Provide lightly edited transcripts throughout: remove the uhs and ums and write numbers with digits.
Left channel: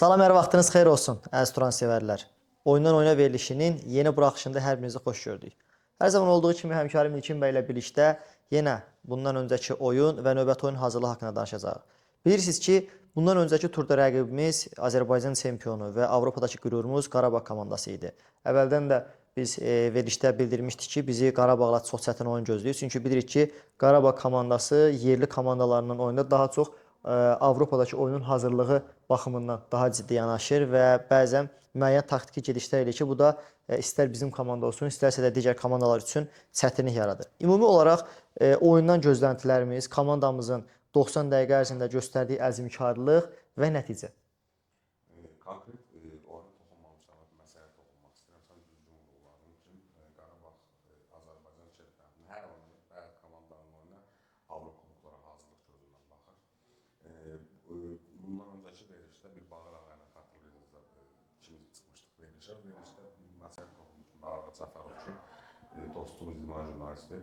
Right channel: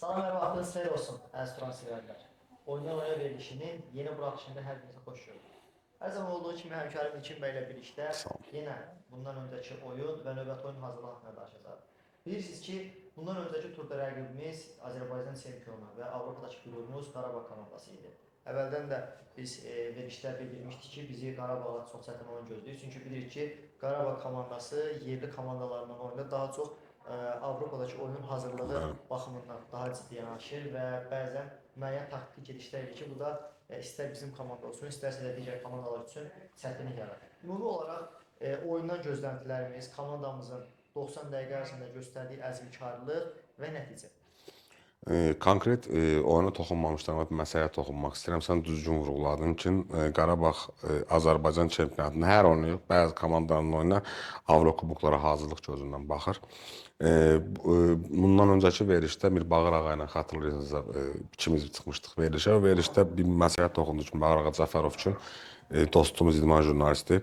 Salam, hər vaxtınız xeyir olsun, əziz Turan sevərlər. Oyundan oyuna verilişinin yeni buraxışında hər birinizi xoş gördük. Hər zaman olduğu kimi həmkarım İlkin bəy ilə birlikdə yenə bundan öncəki oyun və növbəti oyun hazırlığı haqqında danışacağıq. Bilirsiniz ki, bundan öncəki turda rəqibimiz Azərbaycan çempionu və Avropadakı qürurumuz Qarabağ komandası idi. Əvvəldən də biz verilişdə bildirmişdik ki, bizi Qarabağla çox çətin oyun gözləyir. Çünki bilirik ki, Qarabağ komandası yerli komandalarının oyunda daha çox Avropadakı oyunun hazırlığı baxımından daha ciddi yanaşır və bəzən müəyyən taktiki gedişlər eləyir ki, bu da istər bizim komanda olsun, istərsə də digər komandalar üçün çətinlik yaradır. Ümumi olaraq oyundan gözləntilərimiz, komandamızın 90 dəqiqə ərzində göstərdiyi əzmkarlıq və nəticə. Konkret oyuna toxunmamışdan və məsələyə toxunmaq istəyirəm. Sən düzgün vurğuladın ki, Qarabağ Azərbaycan çempionatında hər oyunu yox, bəzi komandaların oyuna Avrokuboklara hazırlıq gözündən baxır. Bundan öncəki verilişdə bir Bağır ağa ilə xatırlayırsınızsa ikimiz çıxmışdıq verilişə. O verilişdə bir məsələyə toxunduq ki, Bağır ağa Cəfərov ki, dostumuz idman jurnalisti.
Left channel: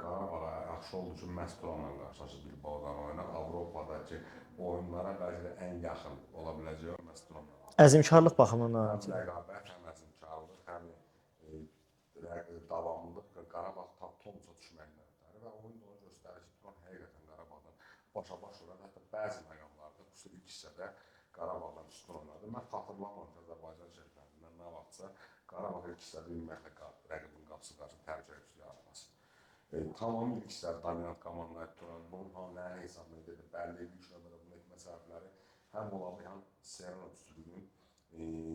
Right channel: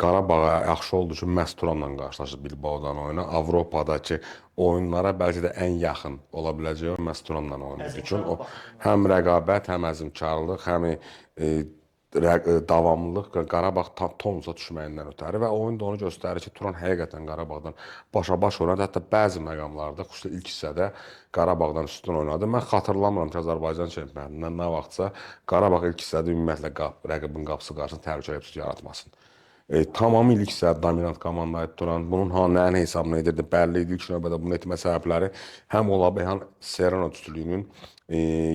Qarabağa yaxşı oldu ki, məhz Turanla qarşılaşıb Bilbao'dan oyuna. Avropadakı oyunlara bəlkə də ən yaxın ola biləcəyi məhz Turanla oynadı. Əzmkarlıq baxımından. Həm rəqabət, həm əzmkarlıq, həm davamlılıq Qarabağ tonusa düşməyindən ötəri və oyun da onu göstərir ki, Turan həqiqətən Qarabağdan başa-baş oynadı. Hətta bəzi məqamlarda, xüsusilə ilk hissədə Qarabağdan üstün oynadı. Mən xatırlamıram ki, Azərbaycan çempionatından nə vaxtsa Qarabağ ilk hissədə ümumiyyətlə rəqibin qapısı qarşısında təhlükəli episod yaratmasın. Tamamilə ilk hissədə dominant komanda idi Turan. Bunun nəyin hesabına edirdi bəlli idi. İlk növbədə bunu etmə səbəbləri həm Olabi, həm Serrano üstünlüyünün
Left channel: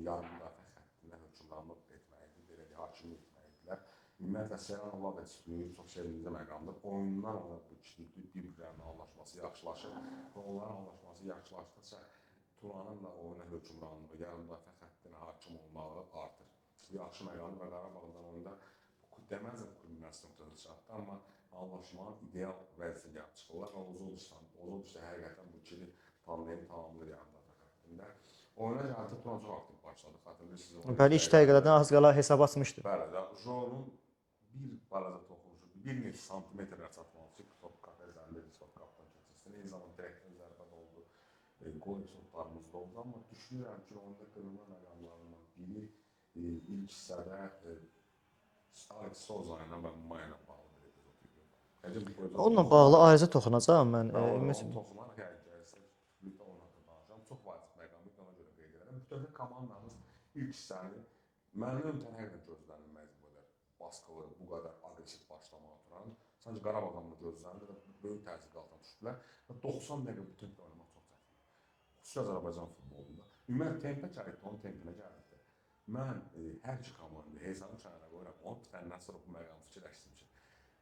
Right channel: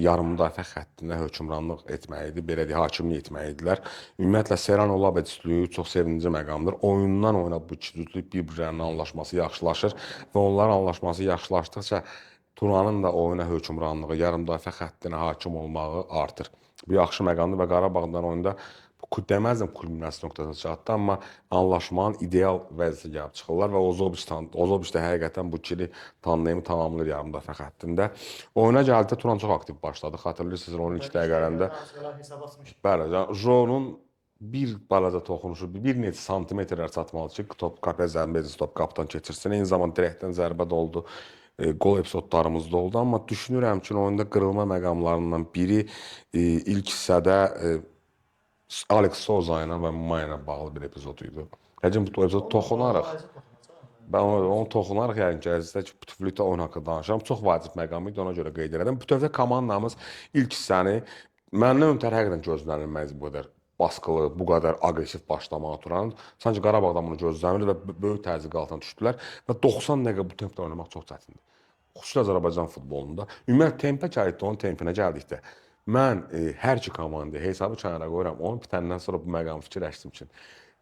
yarım müdafiə xəttinə hökmranlıq etməyi idi, belə deyək, hakimlik etməyi idilər. Ümumiyyətlə Serrano Olabi üstünlüyü çox sevindirici məqamdır. Oyundan oyuna bu iki cütlük bir-birlərinin anlaşması yaxşılaşır və onların anlaşması yaxşılaşdıqca Turanın da oyuna hökmranlığı, yarım müdafiə xəttinə hakim olmağı artır. Bu yaxşı məqamdır və Qarabağdan oyunda deməzdim kulminasiya nöqtəsinə çatdı, amma anlaşmanın ideal vəziyyətə gəlib çıxırlar və Ozobiç də həqiqətən bu ikili tandemi tamamlayır yarım müdafiə xəttində. Oyuna gəldikdə Turan çox aktiv başladı. Xatırlayırsınız, onun ilk dəqiqələrində. Az qala hesab açmışdı. Bəli, Jonun bir balaca toxunuşu, bir neçə santimetrlər çatmalı ki, top qapıya zərbə edilsin, top qapıdan keçirsin. Eyni zamanda direktdən zərbə də oldu. Qol epizodlarımız da oldu, amma düşünürəm ki, oyunda qırılma məqamlarından biri ilk hissədə Alex Souza ilə və Maya ilə bağlı bir epizod idi. Həcəm bu epizod toxunaraq. Onunla ayrıca toxunacağam mən. Onu toxunaraq yəni gəzdə ki, bütövlükdə oyun haqqında danışıram. Çox vacib məqam idi, ona görə qeyd edirəm. Bütövlükdə komandamız ilk hissəni məndən ötəri həqiqətən gözlənilməz bu qədər baskılı, bu qədər aqressiv başlamağa Turan. Sanki Qarabağdan bunu gözləmirdi və böyük təzyiq altına düşdülər və 90 dəqiqə bu tempdə oynamaq çox çətindir. Xüsusilə Azərbaycan futbolunda. Ümumiyyətlə tempə gəldi, onun tempinə gəldikdə mən hər iki komandaya hesabı kənara qoyuram. Onu bitəndən sonra bu məqamı fikirləşdim ki,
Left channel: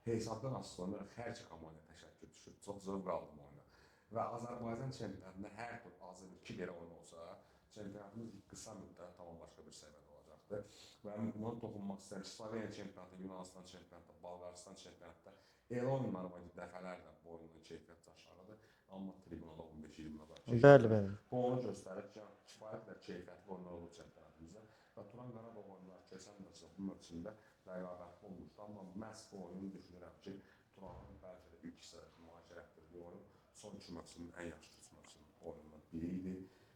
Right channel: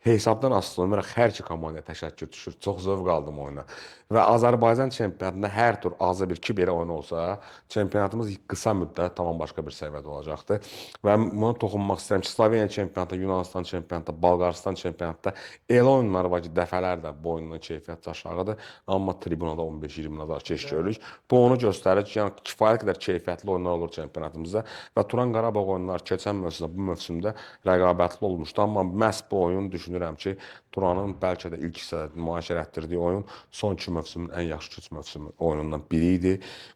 hesabdan asılı olaraq hər iki komandaya təşəkkür düşür. Çox zövq aldım oyuna. Və Azərbaycan çempionatında hər tur azı bir iki belə oyun olsa, çempionatımız qısa müddət tamam başqa bir səviyyədə olacaqdı. Və buna toxunmaq istəyirəm ki, Sloveniya çempionatında, Yunanistan çempionatında, Bolqarıstan çempionatında elə oyunlar var ki, dəfələrlə bu oyunun keyfiyyəti aşağıdır, amma tribunada 15-20 nəzar keçiririk. Bu onu göstərir ki, yəni kifayət qədər keyfiyyətli oyunlar olur çempionatımızda və Turan Qarabağ oyunları keçən mövsümdə, bu mövsümdə rəqabətli olmuşdu, amma məhz bu oyun düşünürəm ki, Turanın bəlkə də ilk hissədə nümayiş etdirdiyi oyun son iki mövsümün ən yaxşı üç mövsümü oyunundan biri idi.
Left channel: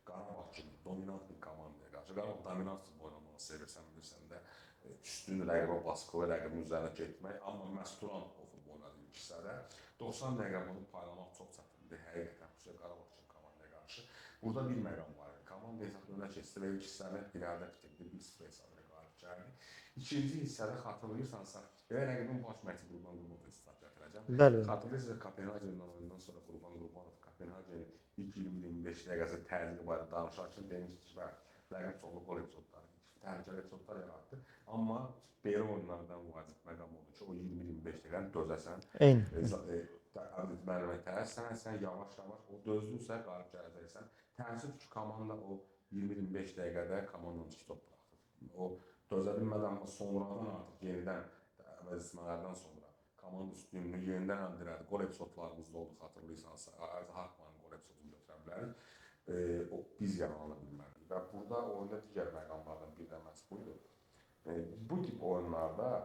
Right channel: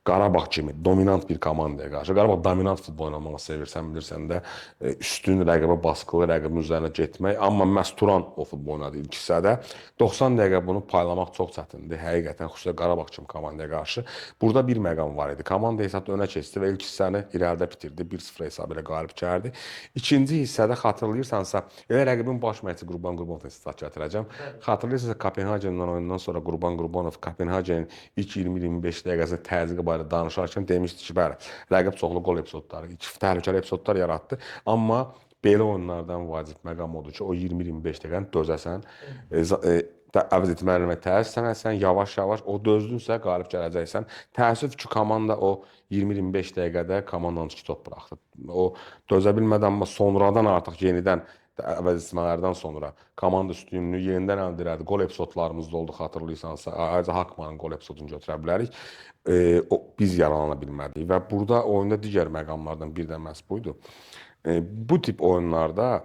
Qarabağ kimi dominant bir komandaya qarşı, Qarabağ dominant futbol oynamağı sevirsən, bilirsən də, üstün rəqibə baskılı, rəqibin üzərinə getmək, amma məhz Turan o futbol oynadı ilk hissədə. 90 dəqiqə bunu paylamaq çox çətindir, həqiqətən, xüsusilə Qarabağ kimi komandaya qarşı. Burada bir məqam var idi, komanda hesabda önə keçdi və ilk hissəni irəlidə bitirdi, 1-0 hesabı ilə qalib gəldi. İkinci hissədə xatırlayırsansa, elə rəqibin baş məşqçisi Qurban Qurbanovdan istifat gətirəcəm. Xatırlayırsınızsa, Kopenhagendən oyundan sonra Qurban Qurbanov Kopenhagenin ilk 20-25 dəqiqəsində təzyiqi barədə danışarkən demişdi ki, bəli, rəqib çoxlu qol epizodları, təhlükəli epizodlar yaratdı, amma belə oyunlardan vacib məqam odur ki, o 20-25 dəqiqəni dözəsən. Əvəz etməli təəssüfsən, yavaş-yavaş o dözdünsə qalib gələcəksən. Təəssüf ki, komanda o 20-25 dəqiqədə komandanın 2 top buraxdı. O dözə bilmədən, amma sonradan artıq yenidən əvəz etmələrdən sonra komanda üstünlüyünü yenidən əldə elədi. Qol epizodlarımız da oldu, xatırlayırsansa. Ayrıca Hakmanın qol epizodunu götürə bilərik. Biz yaralana bilmədik və burada oyunda digər məqamlardan bir də məhz buydu. Bu tip oyunlarda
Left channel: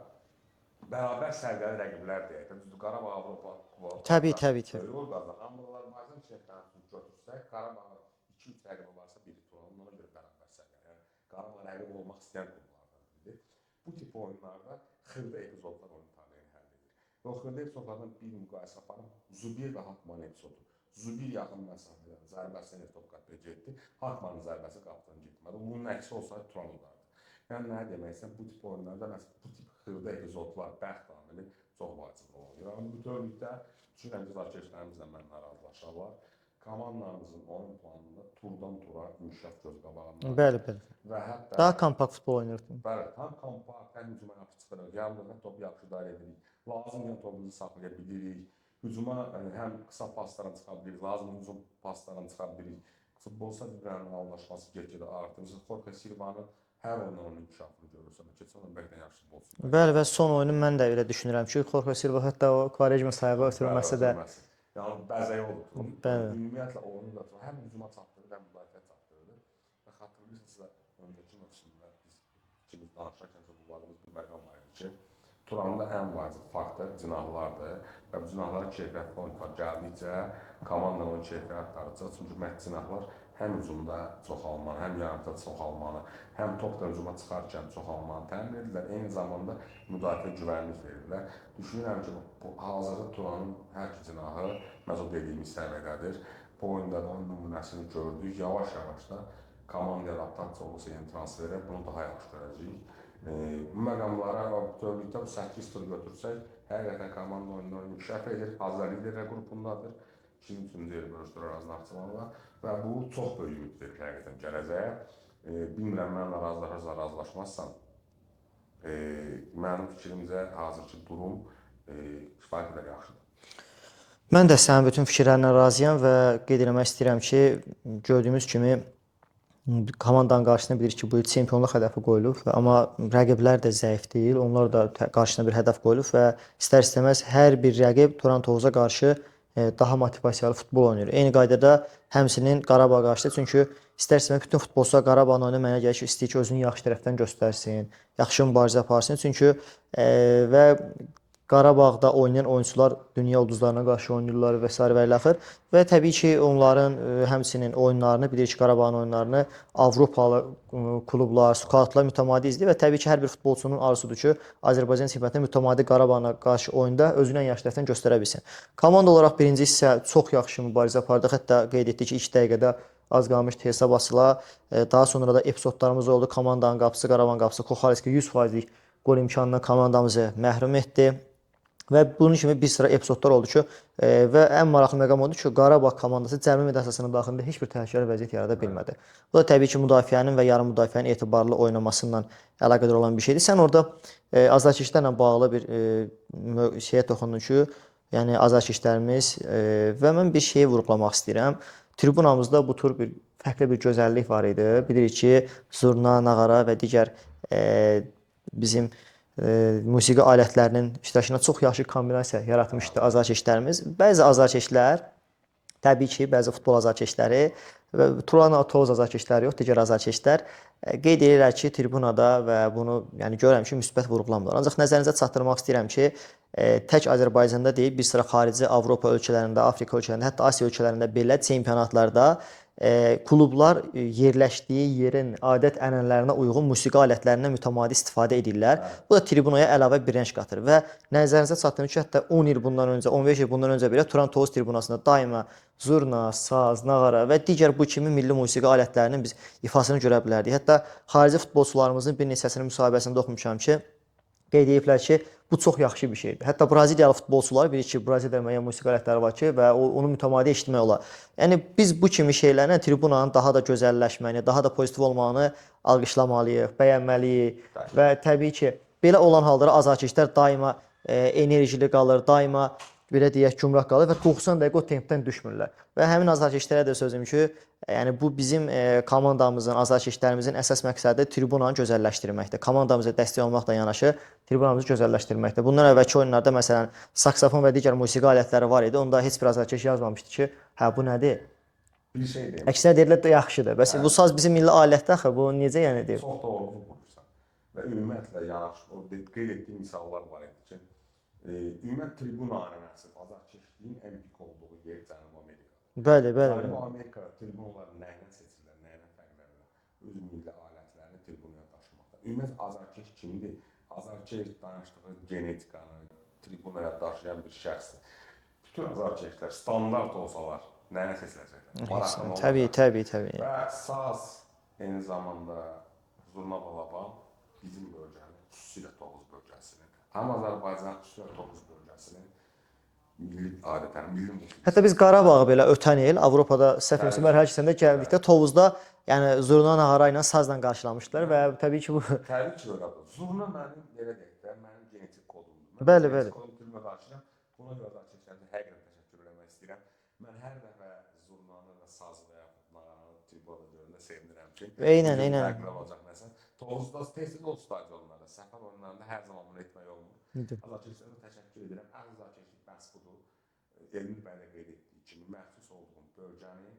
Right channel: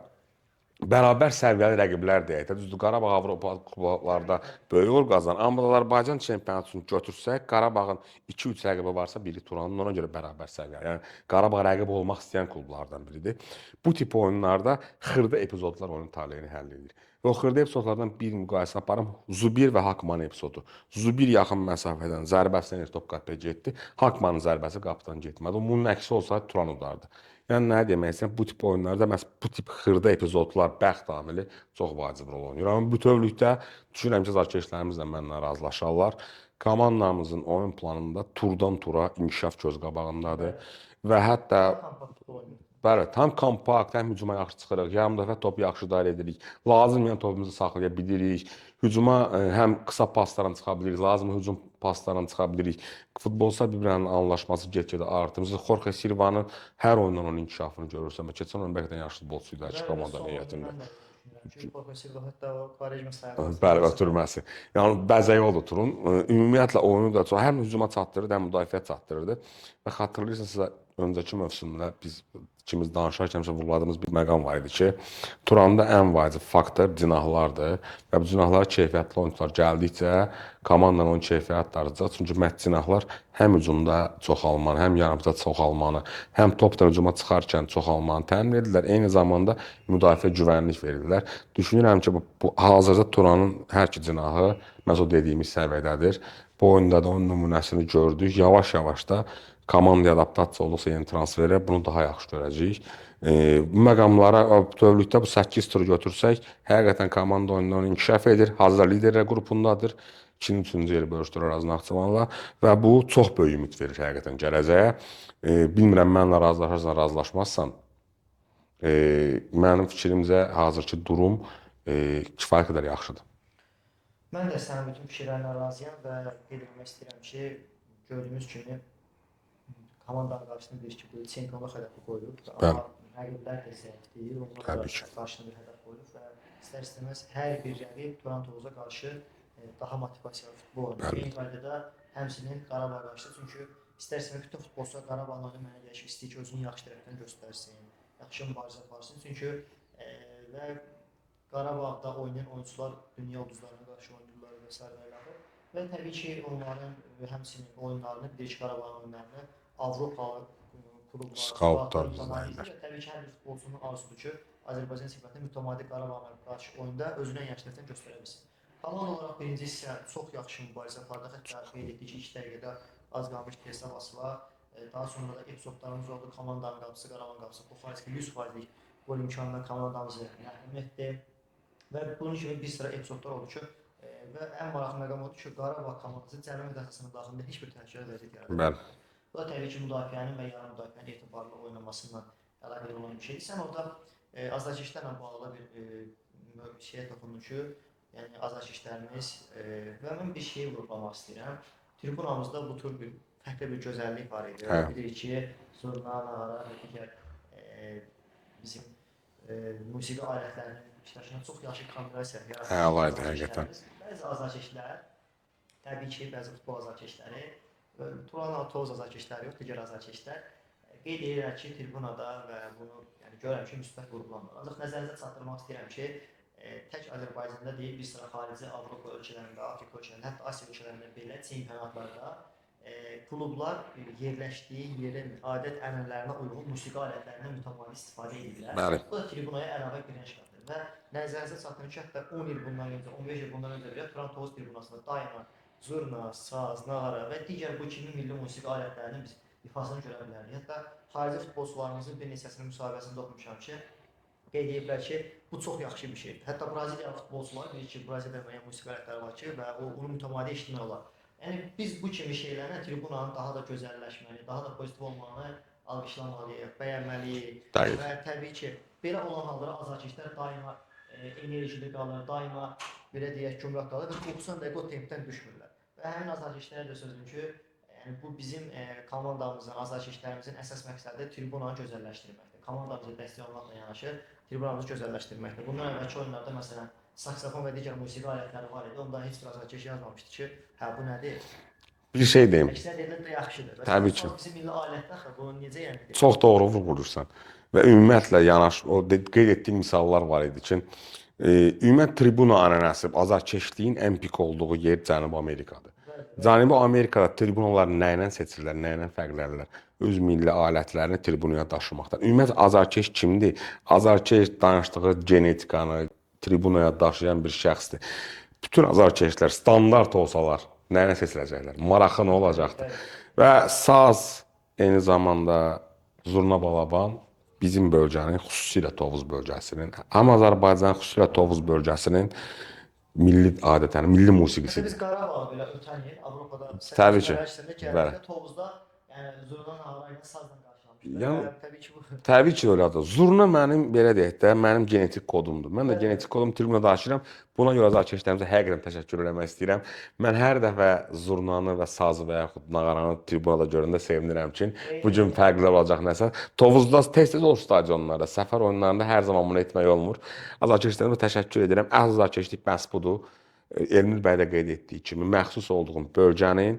bərabər səviyyəli rəqiblər deyək də. Düzdür, Qarabağ Avropa Təbii, kupalarda təbii ki. böyük uğur qazanır. Amma Azərbaycan çempionatını götürsək, Qarabağın 2-3 rəqibi varsa, biri Turanın, ona görə bərabər səviyyəli. Yəni Qarabağ rəqib olmaq istəyən klublardan biridir. Bu tip oyunlarda xırda epizodlar oyunun taleyini həll edir. Və o xırda epizodlardan bir müqayisə aparım. Zubir və Hakman epizodu. Zubir yaxın məsafədən zərbəsindən top qapıya getdi. Hakmanın zərbəsi qapıdan getmədi. Bunun əksi olsaydı Turan udardı. Yəni nə demək istəyirəm, bu tip oyunlarda məhz bu tip xırda epizodlar, bəxt amili çox vacib rol oynayır. Amma bütövlükdə düşünürəm ki, azarkeşlərimiz də mənimlə razılaşarlar. Komandamızın oyun planında turdan tura inkişaf göz qabağındadır. Bəli, bəli. Və hətta Daha kompakt futbol oynayırdın. bəli, tam kompakt, həm hücuma yaxşı çıxırıq, yarım dəfə top yaxşı idarə edirik. Lazım olan topumuzu saxlaya bilirik. Hücuma həm qısa paslarla çıxa bilirik, lazım hücum paslarla çıxa bilirik. Futbolçular bir-birinin anlaşması get-gedə artır. Biz Jorge Silva'nın hər oyundan onun inkişafını görürsən və keçən oyun bəlkə də yaxşı futbolçu idi. Bəli, və son oyunu mən də elə düşünürəm ki, Jorge Silva hətta o Quaresma sayığı Bəli, ötürməsə də ötürməsi. Yəni bəzəyi odur Turun. Ümumiyyətlə oyunu da çox həm hücuma çatdırırdı, həm müdafiəyə çatdırırdı. Və xatırlayırsanızsa öncəki mövsümdə biz ikimiz danışarkən vurguladığımız bir məqam var idi ki, Turanda ən vacib faktor cinahlardır və bu cinahlara keyfiyyətli oyunçular gəldikcə komandanın onun keyfiyyəti artacaq. Çünki məhz cinahlar həm hücumda çoxalmanı, həm yarımda çoxalmanı, həm topdan hücuma çıxarkən çoxalmanı təmin edirlər. Eyni zamanda müdafiə güvənlik verirlər. Düşünürəm ki, bu hazırda Turanın hər iki cinahı məhz o dediyimiz səviyyədədir. Bu oyunda da onun nümunəsini gördük. Yavaş-yavaş da komandaya adaptasiya olduqca yeni transferlər bunu daha yaxşı görəcəyik. Bu məqamlara bütövlükdə bu 8 turu götürsək, həqiqətən komanda oyundan inkişaf edir. Hazırda liderlər qrupundadır. 2-ci yeri bölüşdürür Araz Naxçıvanla və bu çox böyük ümid verir həqiqətən gələcəyə. Bilmirəm mənlə razılaşarsan, razılaşmazsan. Mənim fikrimcə hazırki durum kifayət qədər yaxşıdır. mən də sənin bütün fikirlərinə razıyam və qeyd etmək istəyirəm ki, gördüyümüz kimi komandanın qarşısına bilirik ki, bu il çempionluq hədəfi qoyulub, amma rəqiblər də zəif deyil. Onlar da qarşısına bir hədəf qoyulub və istər-istəməz hər bir rəqib Turan Tovuza qarşı daha motivasiyalı futbol oynayır. Eyni qaydada həmçinin Qarabağ qarşı, çünki istər-istəməz bütün futbolçular Qarabağın oyunu mənə gəlir ki, istəyir ki, özünü yaxşı tərəfdən göstərsin, yaxşı mübarizə aparsın. Çünki və Qarabağda oynayan oyunçular dünya ulduzlarına qarşı oynayırlar və s. və ilaxır. Və təbii ki, onların həmçinin oyunlarını, bilirik ki, Qarabağın oyunlarını Avropalı klublar, skautlar mütəmadi izləyir və təbii ki, hər bir futbolçunun arzusudur ki, Azərbaycan çempionatında mütəmadi Qarabağına qarşı oyunda özünü ən yaxşı tərəfdən göstərə bilsin. Komanda olaraq birinci hissə çox yaxşı mübarizə apardıq. Hətta qeyd etdik ki, ilk dəqiqədə az qalmışdı hesab açıla. Daha sonra da epizodlarımız oldu. Komandanın qapısı, Qarabağın qapısı Koxareski 100%lik qol imkanından komandamızı məhrum etdi. Və bunun kimi bir sıra epizodlar oldu ki, və ən maraqlı məqam oldu ki, Qarabağ komandası cəmi müdafiəsinin daxilində heç bir təhlükəli vəziyyət yarada bilmədi. Bu da təbii ki, müdafiənin və yarım müdafiənin etibarlı oynamasından əlaqədar olan bir şeydir. Sən orada azarkeşlərlə bağlı bir şeyə toxundun ki, yəni azarkeşlərimiz və mən bir şeyi vurğulamaq istəyirəm. Tribunamızda bu tür bir fərqli bir gözəllik var idi. Bilirik ki, zurna, nağara və digər bizim musiqi alətlərinin iştirakına çox yaxşı kombinasiya yaratmışdı azarkeşlərimiz. Bəzi azarkeşlər, təbii ki, bəzi futbol azarkeşləri və Turan Tovuz azarkeşləri yox, digər azarkeşlər qeyd edirlər ki, tribunada və bunu yəni görürəm ki, müsbət vurğulamırlar. Ancaq nəzərinizə çatdırmaq istəyirəm ki, tək Azərbaycanda deyil, bir sıra xarici Avropa ölkələrində, Afrika ölkələrində, hətta Asiya ölkələrində belə çempionatlarda klublar yerləşdiyi yerin adət-ənənələrinə uyğun musiqi alətlərindən mütəmadi istifadə edirlər. Bu da tribunaya əlavə bir rəng qatır və nəzərinizə çatdırım ki, hətta 10 il bundan öncə, 15 il bundan öncə belə Turan Tovuz tribunasında daima zurna, saz, nağara və digər bu kimi milli musiqi alətlərinin biz ifasını görə bilərdik. Hətta xarici futbolçularımızın bir neçəsinin müsahibəsində oxumuşam ki, qeyd ediblər ki, bu çox yaxşı bir şeydir. Hətta Braziliyalı futbolçular bilir ki, Braziliyada müəyyən musiqi alətləri var ki, və onu mütəmadi eşitmək olar. Yəni biz bu kimi şeylərlə tribunanın daha da gözəlləşməyini, daha da pozitiv olmağını alqışlamalıyıq, bəyənməliyik və təbii ki, belə olan halda azarkeşlər daima enerjili qalır, daima belə deyək, gümrah qalır və 90 dəqiqə o tempdən düşmürlər. Və həmin azarkeşlərə də sözüm ki, yəni bu bizim komandamızın, azarkeşlərimizin əsas məqsədi tribunanı gözəlləşdirməkdir. Komandamıza dəstək olmaqla yanaşı tribunamızı gözəlləşdirməkdir. Bundan əvvəlki oyunlarda məsələn saksofon və digər musiqi alətləri var idi. Onda heç bir azarkeş yazmamışdı ki, hə bu nədir? Bir şey deyim. Əksinə deyirlər də yaxşıdır. Bəs bu saz bizim milli alətdir axı. Bu necə yəni deyir? Çox doğru vurğulayırsan. və ümumiyyətlə o qeyd etdiyim misallar var idi ki, ümumiyyət tribuna ənənəsi, azarkeşliyin ən pik olduğu yer Cənubi Amerikadır. Bəli, bəli. Cənubi Amerikada tribunalar nə ilə seçirlər, nə ilə fərqlənirlər? Öz milli alətlərini tribunaya daşımaqdan. Ümumiyyətlə azarkeş kimdir? Azarkeş danışdığı genetikanı tribunaya daşıyan bir şəxsdir. Bütün azarkeşlər standart olsalar nə ilə seçiləcəklər? Maraqlı nə olacaq? Təbii. Və saz, eyni zamanda zurna balaban bizim bölgənin, xüsusilə Tovuz bölgəsinin, həm Azərbaycan, xüsusilə Tovuz bölgəsinin milli adətən, milli musiqisi. Hətta biz Qarabağı belə ötən il Avropada səhv mərhələsində gəldikdə Tovuzda yəni zurna nağara ilə sazla qarşılamışdılar və təbii ki bu Təbii ki öylədir. Zurna mənim belə deyək də, mənim genetik kodumdur. Mən də genetik kodum tribuna daşıyıram. Buna görə azarkeşlərimizə həqiqətən təşəkkür eləmək istəyirəm. Mən hər dəfə zurnanı və sazı və yaxud nağaranı tribunada görəndə sevinirəm ki, bu gün fərqli olacaq nəsə. Tovuzda tez-tez olur stadionlarda, səfər oyunlarında hər zaman bunu etmək olmur. Azarkeşlərimizə təşəkkür edirəm. Azarkeşlik məhz budur. Elmir bəy də qeyd etdiyi kimi məxsus olduğum bölgənin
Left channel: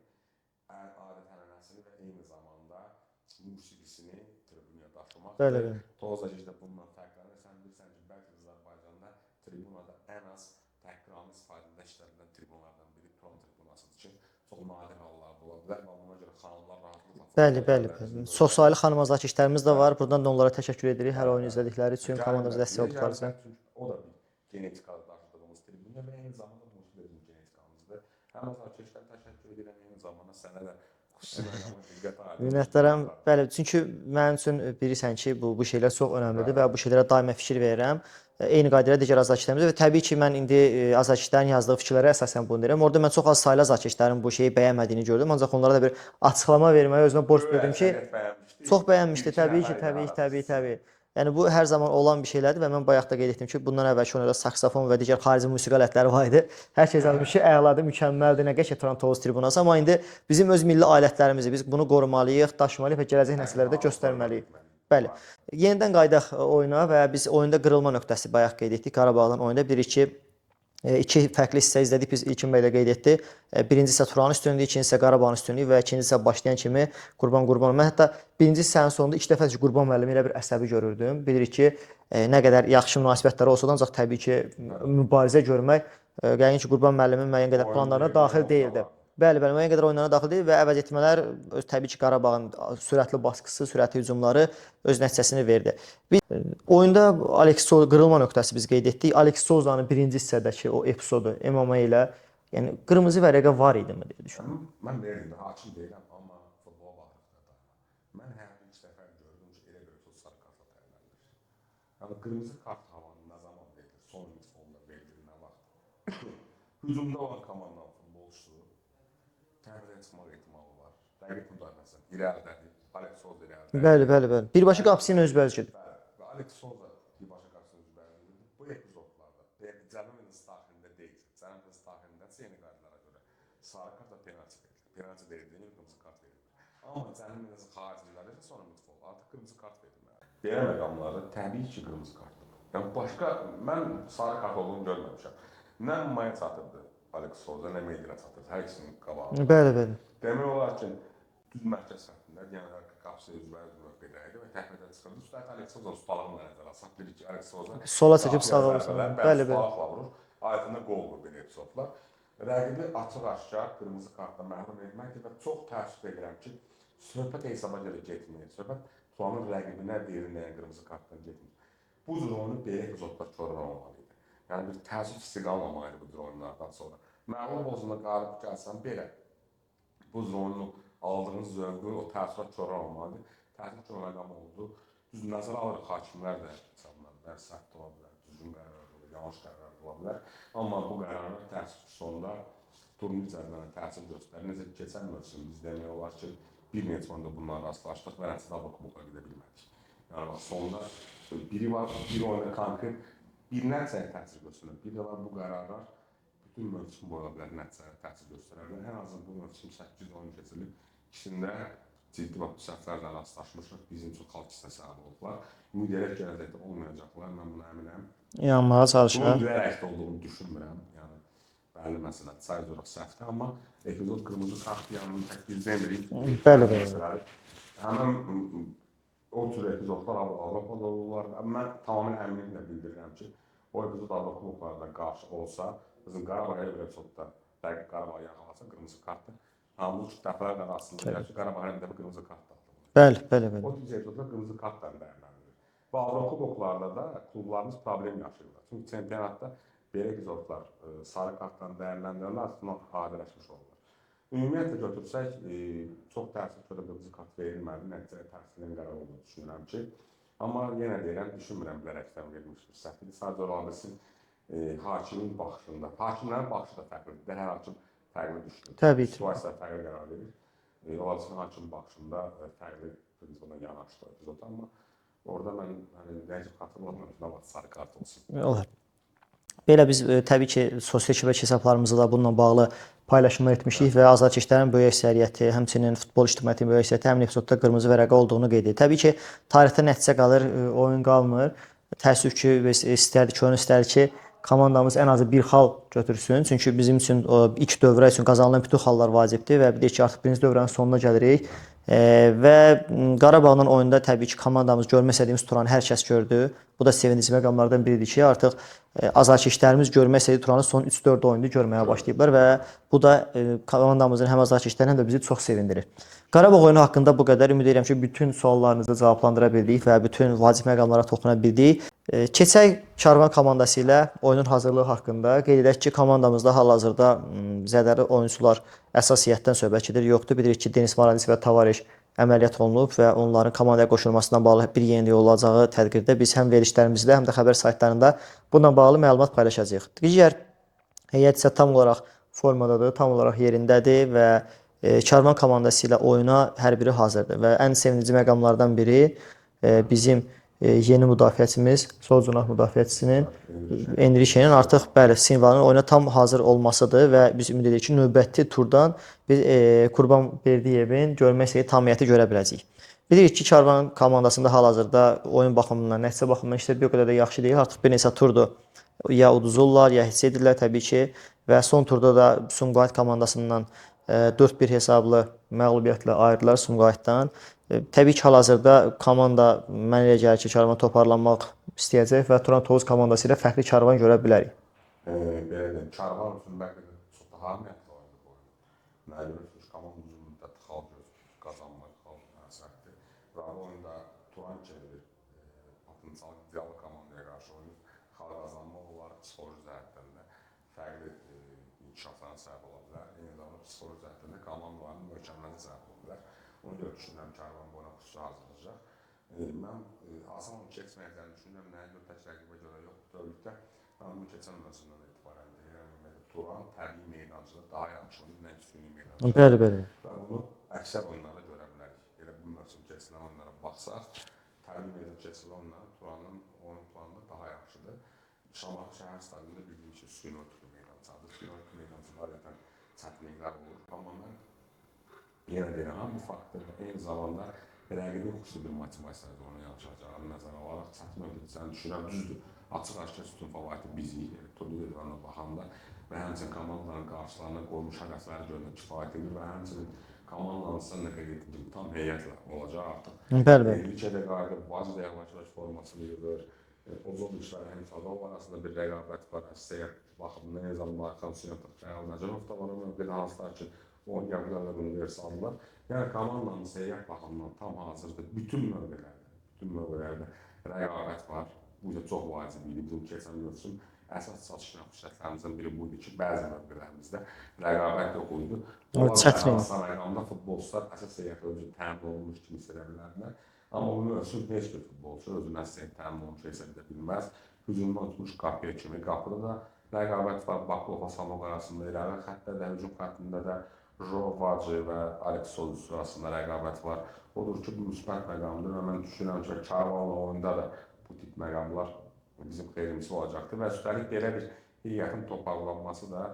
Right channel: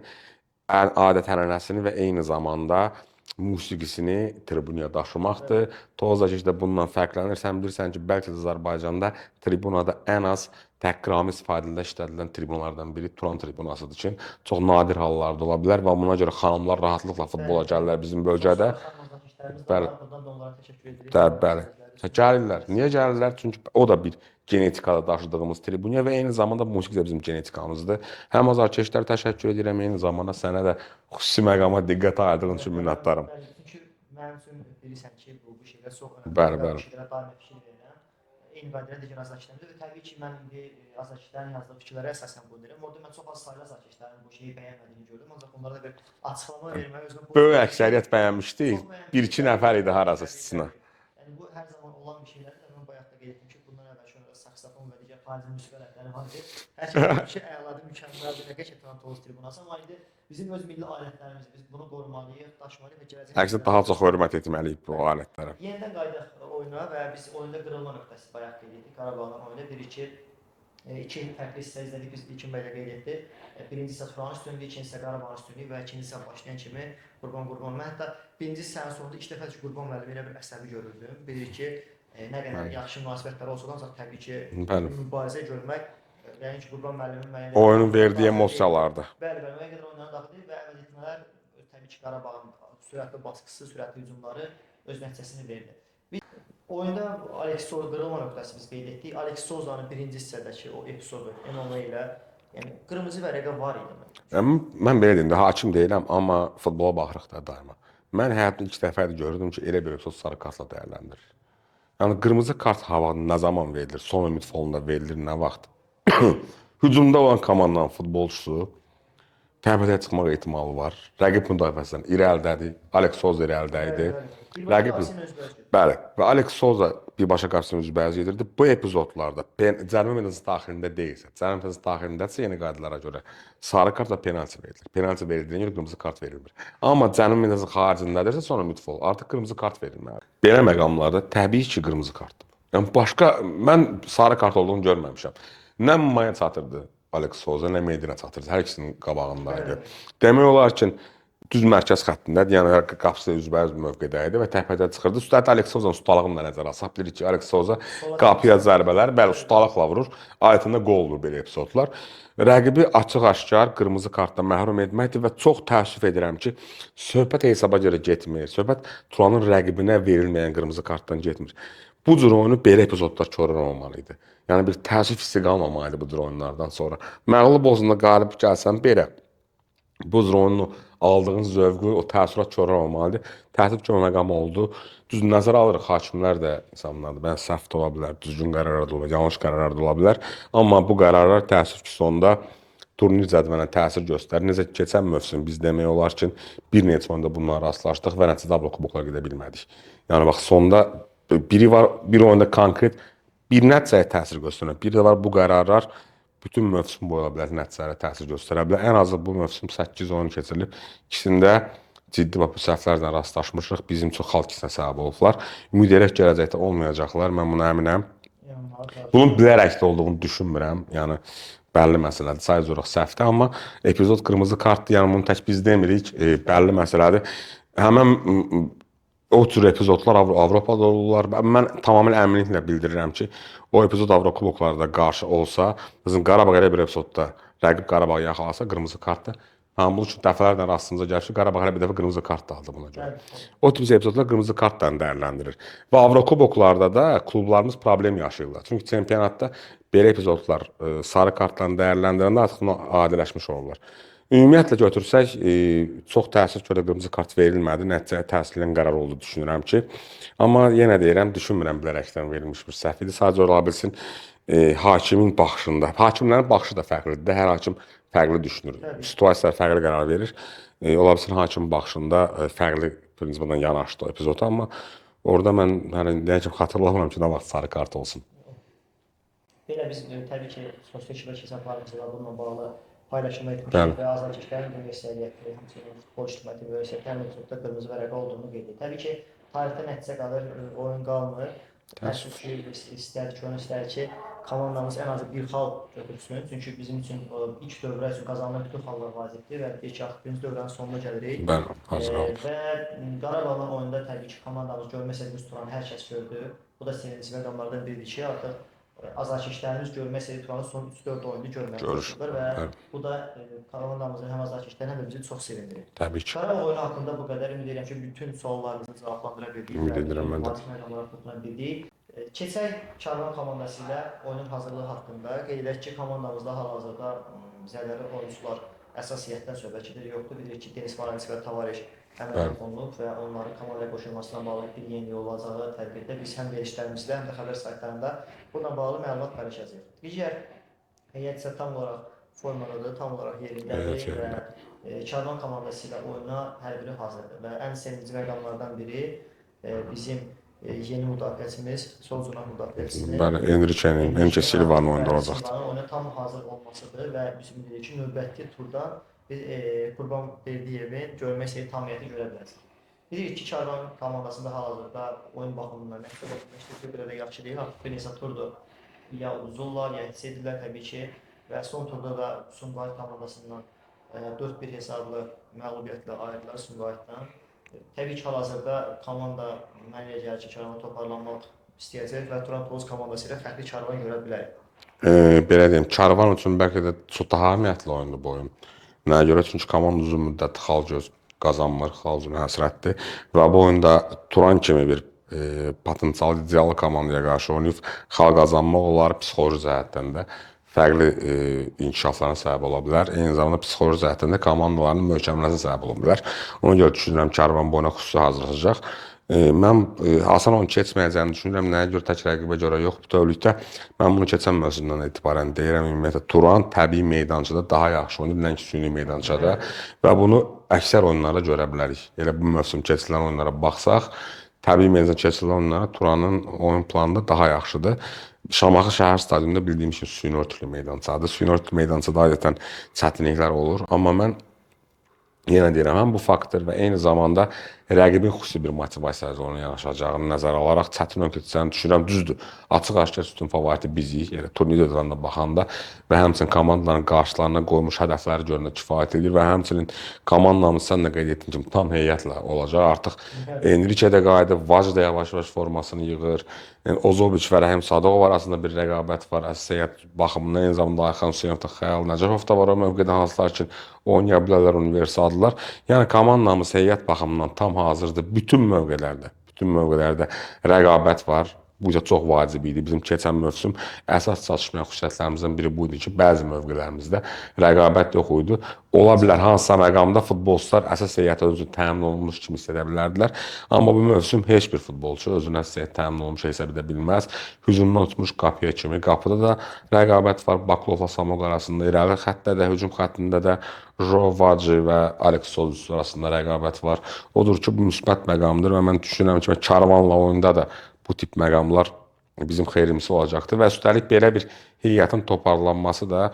adət-ənənəsini və eyni zamanda musiqisini tribunaya daşımaqdır. Tovuz Azarkeş də bundan fərqlənir. Sən bilirsən ki, bəlkə də Azərbaycanda tribunada ən az təhqiramiz ifadələrdə işlədilen tribunalardan biri Turan tribunasıdır ki, çox nadir hallarda ola bilər və buna görə xanımlar rahatlıqla futbola gəlirlər bizim bölgədə. Çoxsaylı xanım azarkeşlərimiz də var. Buradan da onlara təşəkkür edirik. Gəlirlər. Niyə gəlirlər? Çünki o da bir genetikada daşıdığımız tribunya və eyni zamanda musiqi də bizim genetikamızdır. Həm azarkeşlərə təşəkkür edirəm, eyni zamanda sənə də xüsusi məqama diqqət ayırdığın üçün minnətdaram. Bəli, çünki mənim üçün bilirsən ki, bu şeylər çox önəmlidir və bu şeylərə daima fikir verirəm. Eyni qaydayla digər azarkeşlərimizdə və təbii ki, mən indi azarkeşlərin yazdığı fikirlərə əsasən bunu deyirəm. Orada mən çox az saylı azarkeşlərin bu şeyi bəyənmədiyini gördüm. Ancaq onlara da bir açıqlama verməyə özümə borc bildim ki, böyük əksəriyyət bəyənmişdi. Çox bəyənmişdi. Bir-iki nəfər idi harası. Təbii. Yəni bu hər zaman olan bir şeylərdir və mən bayaq da qeyd etdim ki, bundan əvvəlki oyunda saksofon və digər xarici musiqi alətləri var idi. Hər şey olmuş ki, əladır, mükəmməldir, nə qəşəng Turan Tovuz tribunası, amma indi bizim öz milli alətlərimizi biz bunu qorumalıyıq, daşımalıyıq və gələcək nəsillərə daha çox hörmət etməliyik bu alətlərə. Yenidən qayıdaq oyuna və biz oyunda qırılma nöqtəsi bayaq qeyd etdik. Qarabağın oyunda 1-2 iki fərqli hissə izlədik. Biz İlkin bəy də qeyd etdi. Birincisi isə Turanın üstünlüyü, ikincisi isə Qarabağın üstünlüyü və ikincisi isə başlayan kimi Qurban. Mən hətta birinci hissənin sonunda 2 dəfə Qurban müəllimi ilə bir əsəbi görürdüm. Bilirik ki, nə qədər yaxşı münasibətləri olsa da, ancaq təbii ki, mübarizə görmək yəqin ki, Qurban müəllimin müəyyən qədər oyunun verdiyi emosiyalardır. Bəli, müəyyən qədər oyunlarına daxil deyil və əvəz etmələr təbii ki, Qarabağın sürətli baskısı, sürətli hücumları öz nəticəsini verdi. Oyunda Alex Souza qırılma nöqtəsi biz qeyd etdik. Alex Souza'nın birinci hissədəki o epizodu MMA ilə yəni qırmızı vərəqə var idi mi deyə düşünürəm. Mən belə deyim də, hakim deyiləm, amma futbola baxırıq da daima. Mən həyatımda ilk dəfə gördüm ki, elə bir episod sarı kartla dəyərləndirir. Yəni qırmızı kart havada nə zaman verilir? Son ümid fonunda verilir, nə vaxt? Hücumda olan komandanın futbolçusu təbəyə çıxmaq ehtimalı var. Rəqib müdafiəsindən irəlidədir. Alex Souza irəlidədir. Bəli. Birbaşa qapısının özbəyiz gedir. Bəli. Və Alex Souza birbaşa qapısının özbəyiz gedirdi. Bu epizodlarda cərimə meydançası daxilində deyilsə, cərimə meydançası daxilindəsə yeni qaydalara görə sarı kart və penalti verilir. Penalti verildiyinə görə qırmızı kart verilmir. Amma cərimə meydançası xaricindədirsə sonra mütləq artıq qırmızı kart verilməlidir. Belə məqamlarda təbii ki, qırmızı kart. Yəni başqa mən sarı kart olduğunu görməmişəm. Nə Maya çatırdı Alex Souza, nə Medina çatırdı. Hər ikisinin qabağında. Bəli. Demək olar ki, düz mərkəz xəttindədir. Yəni qapısı üzbəyiz mövqedə idi və təpədə çıxırdı. Üstəlik Alex Souza'nın ustalığını da nəzərə alsaq bilirik ki, Alex Souza qapıya zərbələr, bəli, ustalıqla vurur. Ayətində qol olur belə epizodlar. Rəqibi açıq-aşkar qırmızı kartdan məhrum etməkdir və çox təəssüf edirəm ki, söhbət hesaba görə getmir. Söhbət Turanın rəqibinə verilməyən qırmızı kartdan getmir. Bu cür oyunu belə epizodlar korlanmamalıydı. Yəni bir təəssüf hissi qalmamalıydı bu cür oyunlardan sonra. Məğlub olsun da qalib gəlsən belə bu cür oyunu aldığın zövqü, o təəssürat korlanmalıdır. Təəssüf ki, o məqam oldu. Düz nəzərə alırıq, hakimlər də insanlardır. Mən səhv də ola bilər, düzgün qərarlar da ola bilər, yanlış qərarlar da ola bilər. Amma bu qərarlar təəssüf ki, sonda turnir cədvəlinə təsir göstərir. Necə ki, keçən mövsüm biz demək olar ki, bir neçə oyunda bununla rastlaşdıq və nəticədə Avrokuboklara gedə bilmədik. Yəni bax, sonda biri var, bir oyunda konkret bir nəticəyə təsir göstərər. Bir də var bu qərarlar bütün mövsüm boyu bilər nəticələrə təsir göstərə bilər. Ən azı bu mövsüm 8 oyun keçirilib. İkisində ciddi bu səhvlərlə rastlaşmışıq. Bizim çox xalq ikisinə səbəb olublar. Ümid edək gələcəkdə olmayacaqlar. Mən buna əminəm. Yanmağa çalışıram. Bunun bilərək də olduğunu düşünmürəm. Yəni bəlli məsələdir. Sadəcə olaraq səhvdir, amma epizod qırmızı kartdır. Yəni bunu tək biz demirik. Bəlli məsələdir. Həmin o tür epizodlar Avropada olurlar. Mən tamamilə əminliklə bildirirəm ki, o epizod Avrokuboklarda qarşı olsa, bizim Qarabağ elə bir epizodda rəqib Qarabağı yaxalasa qırmızı kartdır. Hamı bunun üçün dəfələrlə rastımıza gəlir ki, Qarabağ hələ bir dəfə qırmızı kart da aldı buna görə. Bəli, bəli, bəli. O tip epizodlar qırmızı kartla dəyərləndirir. Və Avrokuboklarda da klublarımız problem yaşayırlar. Çünki çempionatda belə epizodlar sarı kartla dəyərləndirəndə artıq buna adiləşmiş olurlar. Ümumiyyətlə götürsək, çox təəssüf ki, qırmızı kart verilmədi, nəticəyə təsirli qərar oldu düşünürəm ki. Amma yenə deyirəm, düşünmürəm bilərəkdən verilmiş bir səhv idi. Sadəcə ola bilsin hakimin baxışında. Hakimlərin baxışı da fərqlidir. Hər hakim fərqli düşünür. Təbii ki. Situasiyalar fərqli qərar verir. Ola bilsin hakimin baxışında fərqli prinsipdən yanaşdı o epizod, amma orada mən hələ dəqiq xatırlamıram ki, nə vaxt sarı kart olsun. Olar. Belə biz təbii ki, sosial şəbəkə hesablarımızda da bununla bağlı paylaşımlar etmişdik və azarkeşlərin böyük əksəriyyəti, həmçinin futbol ictimaiyyətinin böyük əksəriyyəti həmin epizodda qırmızı vərəqə olduğunu qeyd edir. Təbii ki, tarixdə nəticə qalır, oyun qalmır. Təəssüf ki, biz istərdik, oyun istərdik ki, komandamız ən azı bir xal götürsün. Çünki bizim üçün ilk dövrə üçün qazanılan bütün xallar vacibdir və bir də ki, artıq birinci dövrənin sonuna gəlirik. Və Qarabağla oyunda təbii ki, komandamız görmək istədiyimiz Turanı hər kəs gördü. Bu da sevindirici məqamlardan biridir ki, artıq azarkeşlərimiz görmək istədiyi Turanı son 3-4 oyunda görməyə başlayıblar və bu da komandamızın həm azarkeşlərini həm də bizi çox sevindirir. Təbii ki. Qarabağ oyunu haqqında bu qədər. Ümid edirəm ki, bütün suallarınızı cavablandıra bildik və bütün vacib məqamlara toxuna bildik. Keçək Karvan komandası ilə oyunun hazırlığı haqqında. Qeyd edək ki, komandamızda hal-hazırda zədəli oyunçular əsas heyətdən söhbət gedir. Yoxdur. Bilirik ki, Denis Morales və Tavares əməliyyat olunub və onların komandaya qoşulmasından bağlı bir yenilik olacağı təqdirdə biz həm verilişlərimizdə, həm də xəbər saytlarında bununla bağlı məlumat paylaşacağıq. Digər heyət isə tam olaraq formadadır, tam olaraq yerindədir və Karvan komandası ilə oyuna hər biri hazırdır və ən sevindirici məqamlardan biri bizim yeni müdafiəçimiz, sol cinah müdafiəçisinin Enrique'nin artıq Silvanın oyuna tam hazır olmasıdır və biz ümid edirik ki, növbəti turdan biz Qurban Berdiyevin görmək istədiyi tam heyəti görə biləcəyik. Bilirik ki, Karvan komandasında hal-hazırda oyun baxımından, nəticə baxımından işlər bir o qədər də yaxşı deyil. Artıq bir neçə turdur ya uduzurlar, ya hiss edirlər təbii ki və son turda da Sumqayıt komandasından 4-1 hesablı məğlubiyyətlə ayrıldılar Sumqayıtdan. Təbii ki, hal-hazırda komanda mən elə gəlir ki, Karvan toparlanmaq istəyəcək və Turan Tovuz komandası ilə fərqli Karvan görə bilərik. Belə deyim, Karvan üçün bəlkə də çox daha əhəmiyyətli oyundur bu oyun. Nəyə görə? Çünki komanda uzun müddət xal qazanmır, xal üçün həsrətdir və bu oyunda Turan kimi bir potensial ideal komandaya qarşı oynayıb xal qazanmaq olar psixoloji cəhətdən də fərqli inkişaflarına səbəb ola bilər. Eyni zamanda psixoloji cəhətdən də komandaların möhkəmlənməsinə səbəb ola bilər. Ona görə düşünürəm Karvan bu oyuna xüsusi hazırlaşacaq. Mən asan oyun keçməyəcəyini düşünürəm. Nəyə görə? Tək rəqibə görə yox. Bütövlükdə mən bunu keçən mövzumdan etibarən deyirəm. Ümumiyyətlə Turan təbii meydançada daha yaxşı oynayır, nəinki süni meydançada. Və bunu əksər oyunlarda görə bilərik. Elə bu mövsüm keçirilən oyunlara baxsaq, təbii meydançada keçirilən oyunlara Turanın oyun planı da daha yaxşıdır. Şamaxı şəhər stadionunda bildiyim kimi süni örtülü meydançadır. Süni örtülü meydançada adətən çətinliklər olur. Amma mən yenə deyirəm, həm bu faktor və eyni zamanda rəqibin xüsusi bir motivasiyayla ona yanaşacağını nəzərə alaraq çətin oyun keçəcəyini düşünürəm. Düzdür, açıq-aşkar üstün favoriti bizik, elə turnir dövründə baxanda və həmçinin komandaların qarşılarına qoymuş hədəfləri görəndə kifayət edir və həmçinin komandamız sən də qeyd etdin kimi tam heyətlə olacaq. Artıq Enrique də qayıdıb, Vaz da yavaş-yavaş formasını yığır. Yəni Ozoviç və Rəhim Sadıqov arasında bir rəqabət var. Əsas baxımından eyni zamanda Ayxan Hüseynov da, Xəyal Nəcəfov da var o mövqedə hansılar ki, oynaya bilərlər, universaldılar. Yəni komandamız heyət baxımından tam hazırdır. Bütün mövqelərdə rəqabət var. Bu da çox vacib idi. Bizim keçən mövsüm əsas çatışmayan xüsusiyyətlərimizdən biri bu idi ki, bəzi mövqelərimizdə rəqabət yox idi. Ola bilər hansısa məqamda futbolçular əsas heyətə özü təmin olunmuş kimi hiss edə bilərdilər. Amma bu mövsüm heç bir futbolçu özünə əsas heyət təmin olunmuş hesab edə bilməz. Hücumdan tutmuş qapıya kimi. Qapıda da rəqabət var. Baklovla Samog arasında, irəli xəttdə də, hücum xəttində də Jovaci və Alex Solis arasında rəqabət var. Odur ki, bu müsbət məqamdır və mən düşünürəm ki, Karvanla oyunda da bu tip məqamlar bizim xeyrimizə olacaqdır və üstəlik belə bir heyətin toparlanması da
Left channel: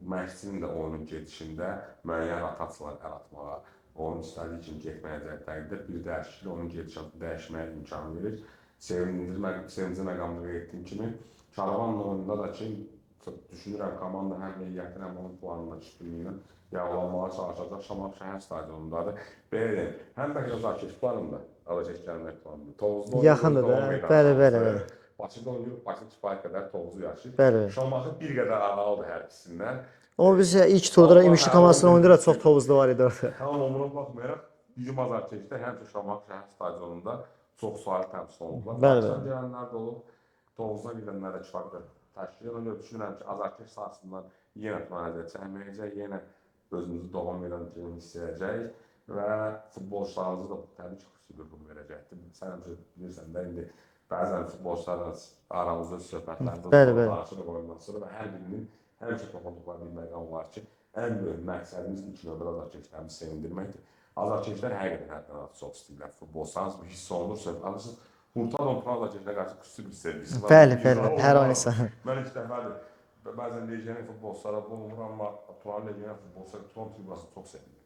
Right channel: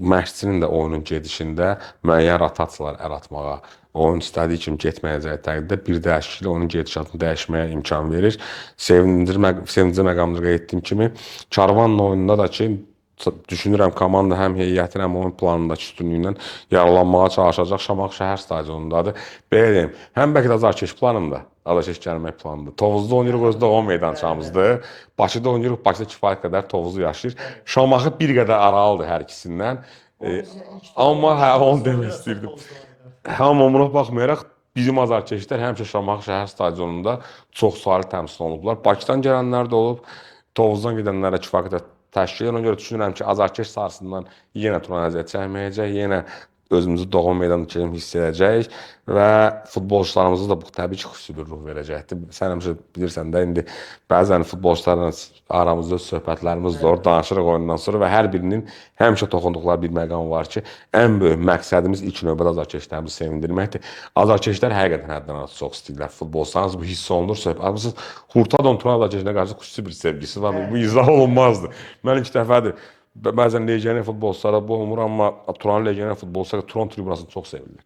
məşqçinin də oyunun gedişində müəyyən rotasiyalar yaratmağa, oyun istədiyi kimi getməyəcəyi təqdirdə bir dəyişikliklə onun gedişatını dəyişməyə imkan verir. Sevindirici məqamdır qeyd etdiyim kimi, Karvanla oyununda da ki, düşünürəm komanda həm heyətin, həm oyun planındakı üstünlüyündən yararlanmağa çalışacaq. Şamaxı şəhər stadionundadır. Belə deyim, həm bəlkə də azarkeş planında, azarkeş gəlmək planında. Tovuzda oynayırıq, Yaxındır özdə da. o Bəli, meydançamızdır. bəli. Bakıda oynayırıq, Bakıda kifayət qədər Tovuzu yaşayır. Bəli. Şamaxı bir qədər aralıdır hər ikisindən. O bizə ilk turda Amma İmişli hə, komandasına onu oynayırıq, demək çox tovuzda var idi orada. Amma buna baxmayaraq bizim azarkeşlər həmişə Şamaxı şəhər stadionunda çox saylı təmsil olunublar. Bəli, Bakıdan gələnlər də olub, Tovuzdan gedənlər də kifayət qədər təşkil edir. Ona görə düşünürəm ki, azarkeş sahəsindən yenə turan əziyyət çəkməyəcək, yenə özümüzü doğma meydanda kimi hiss edəcəyik və futbolçularımıza da bu təbii ki, xüsusi bir ruh verəcəkdir. Sən həmişə bilirsən də indi bəzən futbolçularla aramızda öz söhbətlərimiz Bəli, olur, bəli. danışırıq oyundan sonra və hər birinin həmişə toxunduqları bir məqam var ki, ən böyük məqsədimiz ilk növbədə azarkeşlərimizi sevindirməkdir. Azarkeşlər həqiqətən həddən artıq çox istəyirlər futbolçularımız, bu hiss olunur. Söhbətimiz Hurtadon Turan azarkeşlərə qarşı xüsusi bir sevgisi var. Bəli, Bu bəli, izah hər olunmazdı. halda. Mən ilk dəfədir bəzən legioner futbolçulara bu olmur, amma Turan legioner futbolçulara Turan tribunasını çox sevirlər.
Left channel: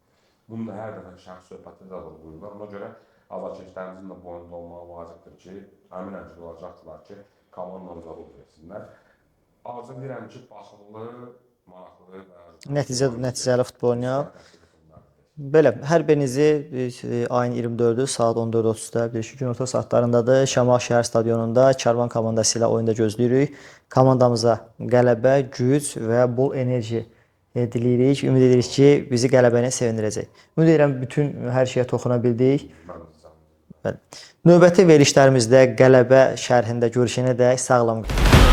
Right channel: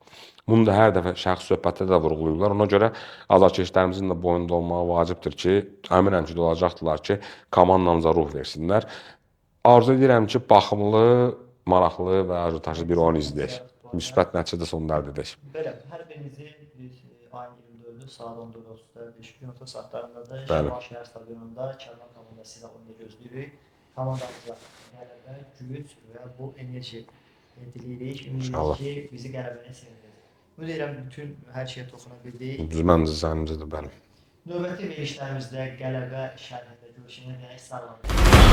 Bunu da hər dəfə şəxsi söhbətdə də vurğulayırlar. Ona görə azarkeşlərimizin də boyunda olmağı vacibdir ki, əminəm ki, olacaqdılar ki, komandamıza ruh versinlər. Arzu edirəm ki, baxımlı, maraqlı və ajotajlı bir oyun Nəticəli izləyək. futbol oynayaq. Müsbət nəticədə sonunda əldə edək. Belə, hər birinizi ayın 24-ü saat 14:30-da bir günorta saatlarındadır. Şamaxı şəhər stadionunda Karvan komandası ilə oyunda gözləyirik. Komandamıza qələbə, güc və bol enerji diləyirik. Ümid edirik ki, bizi qələbə ilə sevindirəcək. Ümid edirəm bütün hər şeyə toxuna bildik. Məncə zənnimcədir, bəli. Növbəti verilişlərimizdə qələbə şərhində görüşənədək sağlam qalın.